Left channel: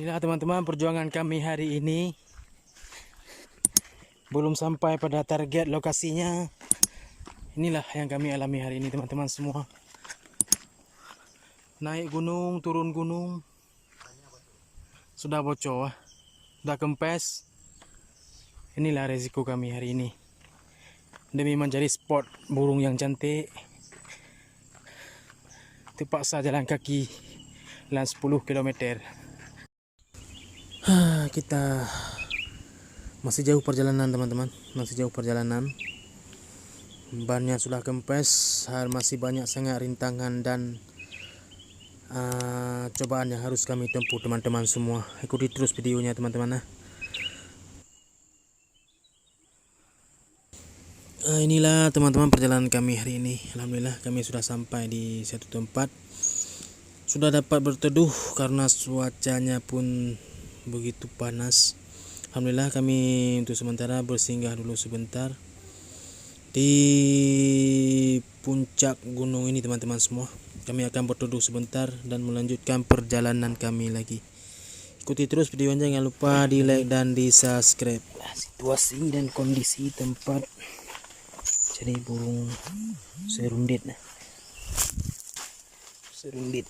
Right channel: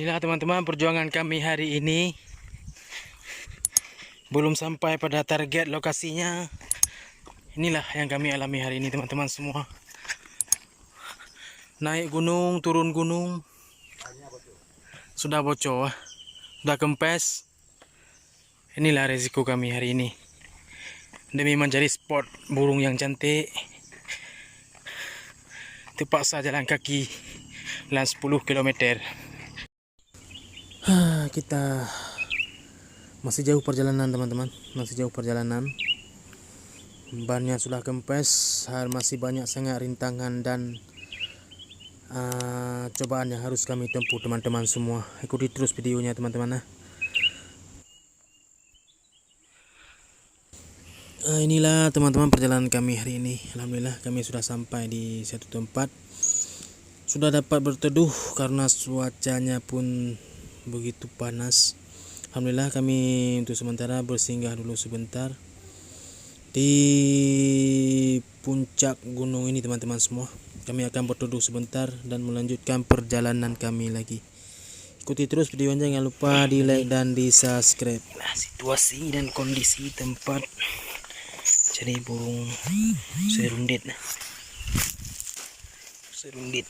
Inilah teman-teman perjuangan kami hari ini. Belum sampai pada target lokasinya. Inilah yang kami alami hari ini teman-teman semua. Naik gunung, turun gunung. Sudah bocor, sudah kempes. Inilah resiko kami hari ini. Demi mencari spot burung yang cantik, terpaksa jalan kaki dalam 10 km. Kita masih jauh perjalanan teman-teman, masih jauh perjalanan. Bannya sudah kempes, masih banyak sangat rintangan dan cobaan yang harus kami tempuh teman-teman semua. Ikuti terus videonya teman-teman. Inilah teman-teman perjalanan kami hari ini. Alhamdulillah kami sudah sampai di satu tempat. Sudah dapat berteduh karena cuacanya pun begitu panas. Alhamdulillah kami untuk sementara bersinggah dulu sebentar di puncak gunung ini teman-teman semua. Kami akan berteduh sebentar dan melanjutkan perjalanan kami lagi. Ikuti terus videonya, jangan lupa di like dan di subscribe. Situasi dan kondisi tempat cari burung serundit. Serundit.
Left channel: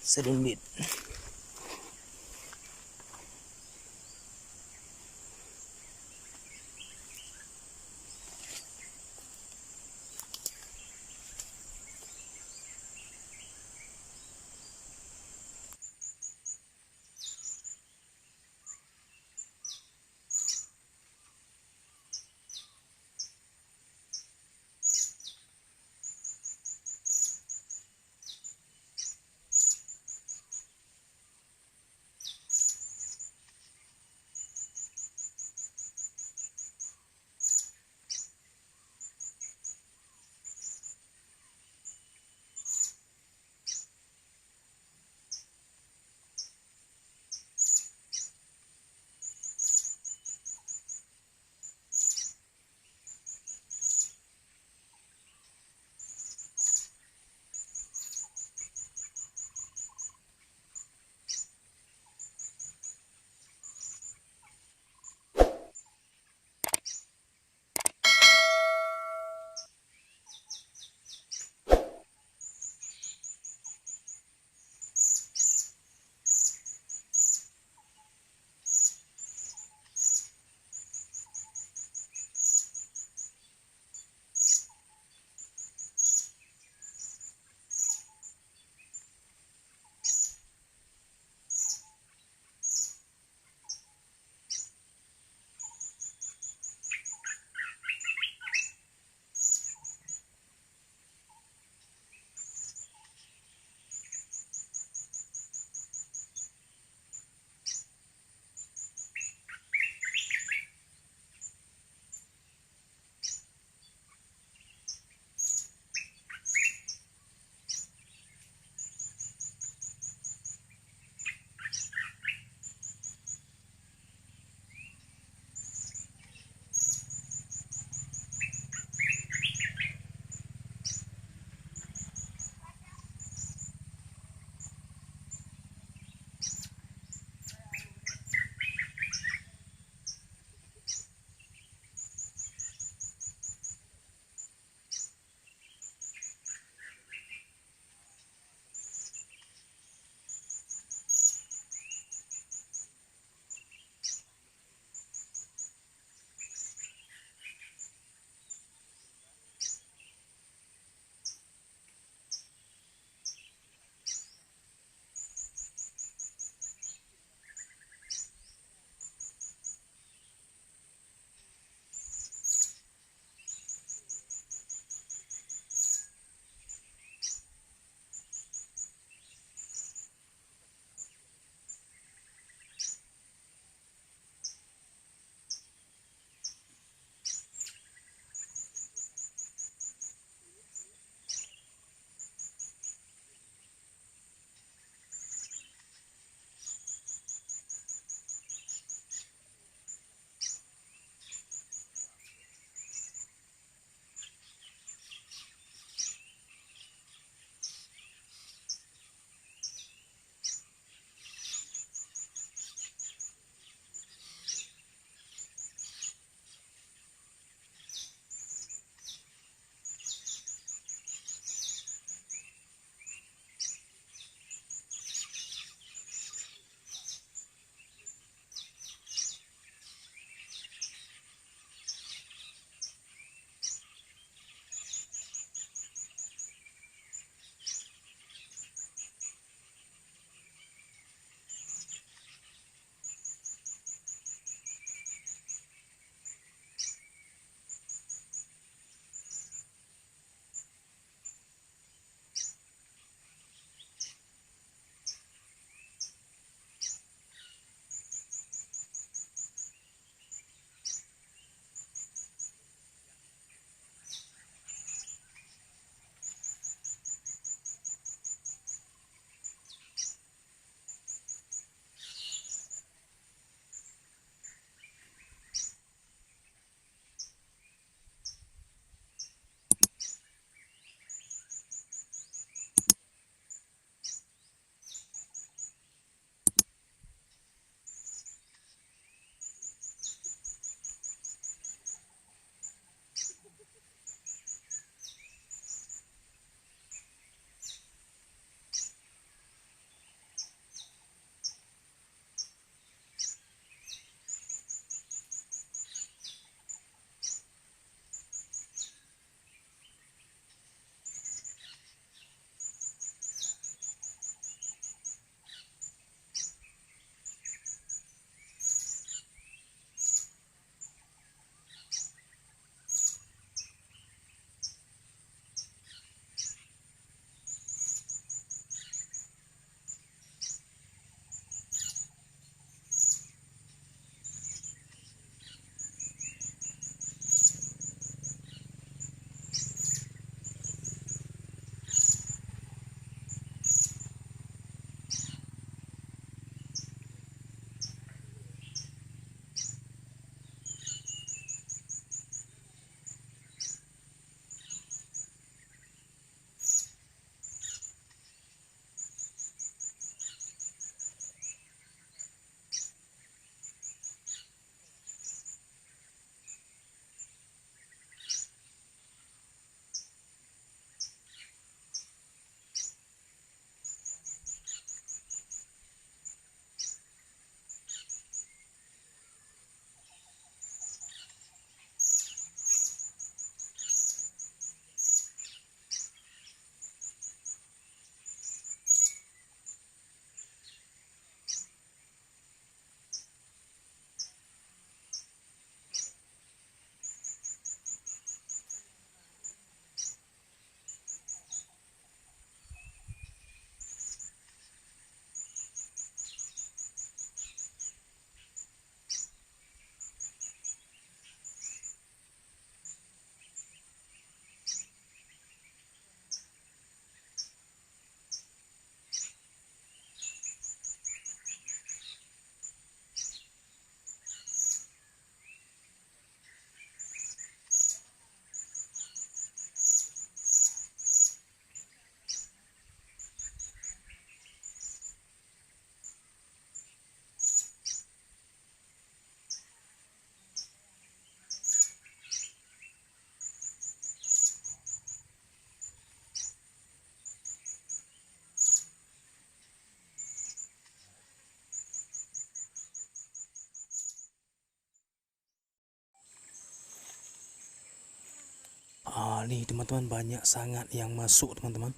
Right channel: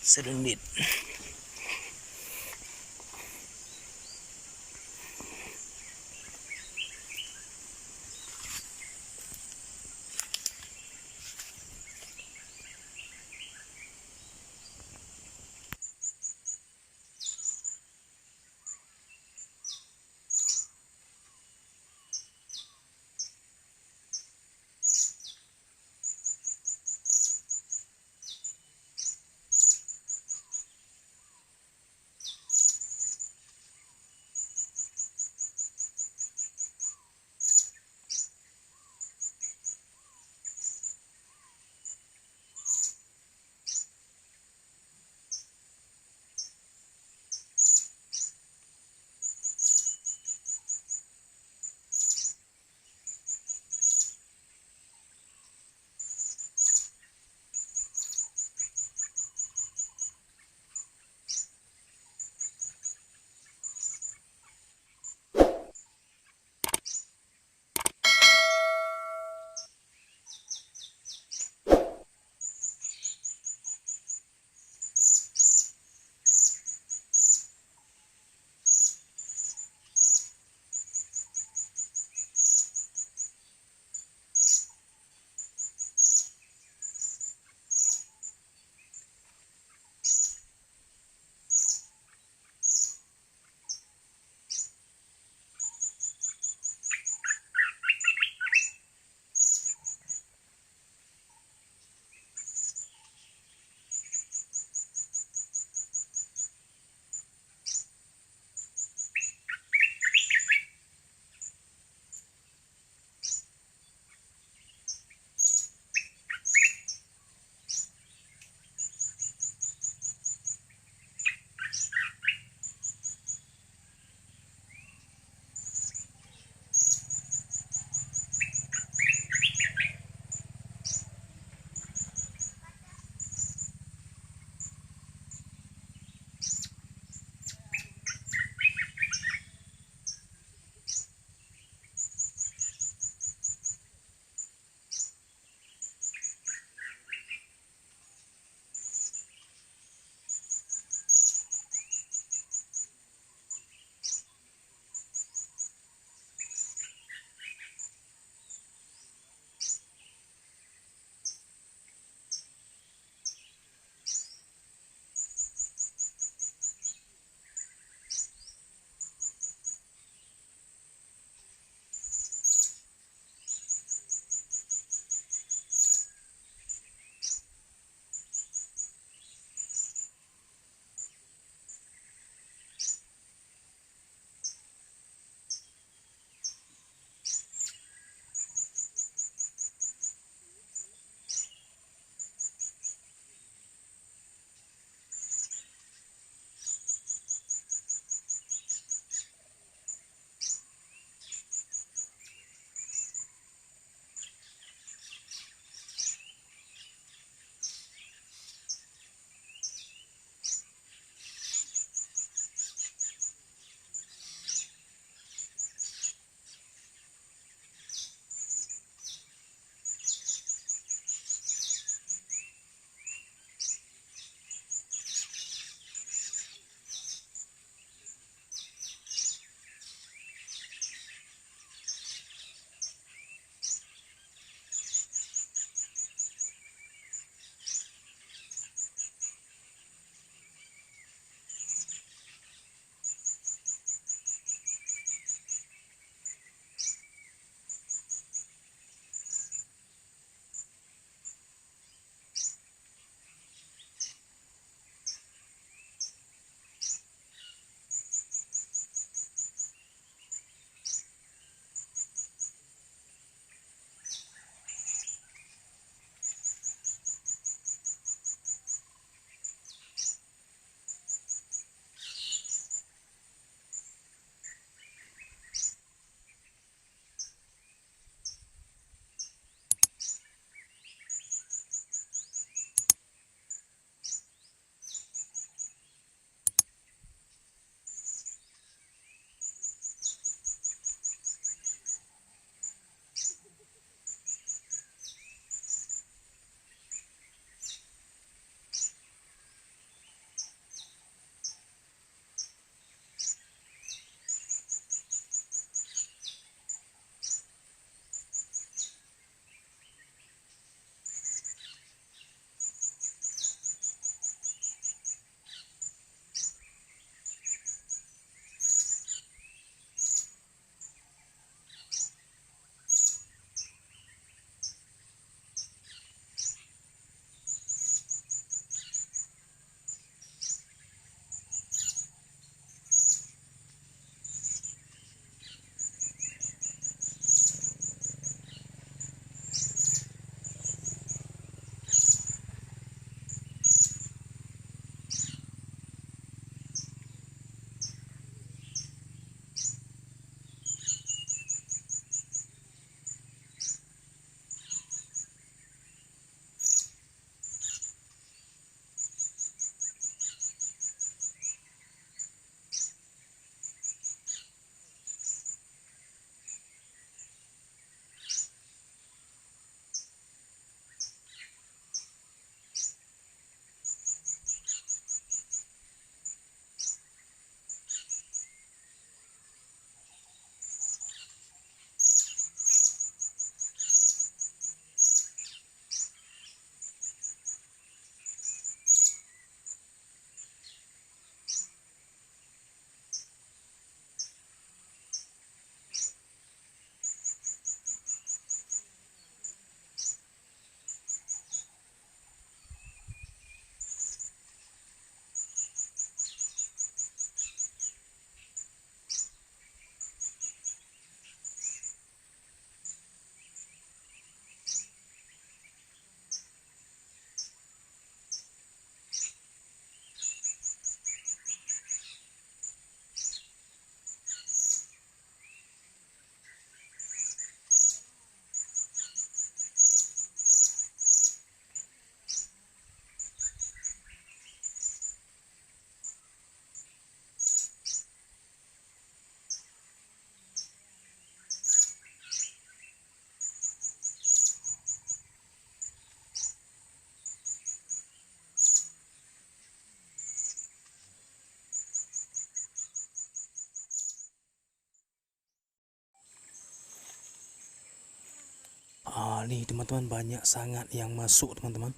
Nih teman-teman, banyak sangat yang masuk teman-teman,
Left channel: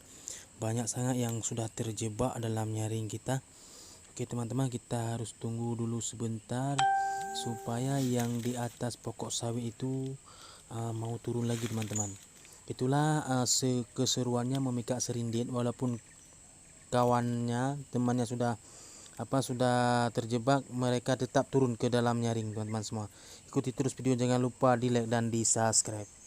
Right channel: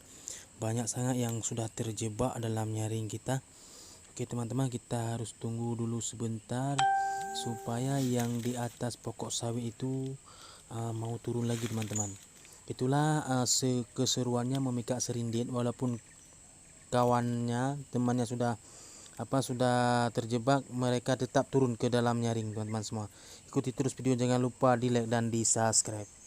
banyak sangat yang sudah terjebak dalam nyaring kita. Oke teman-teman, kita harus tunggu dulu sebentar supaya yang di atas pokok sawit itu mau turun lagi teman-teman. Itulah keseruannya memikat serindit, walaupun kawannya, temannya sudah terjebak, mereka tetap turun ke dalam nyaring teman-teman semua. Ikuti terus video, jangan lupa di like dan di subscribe.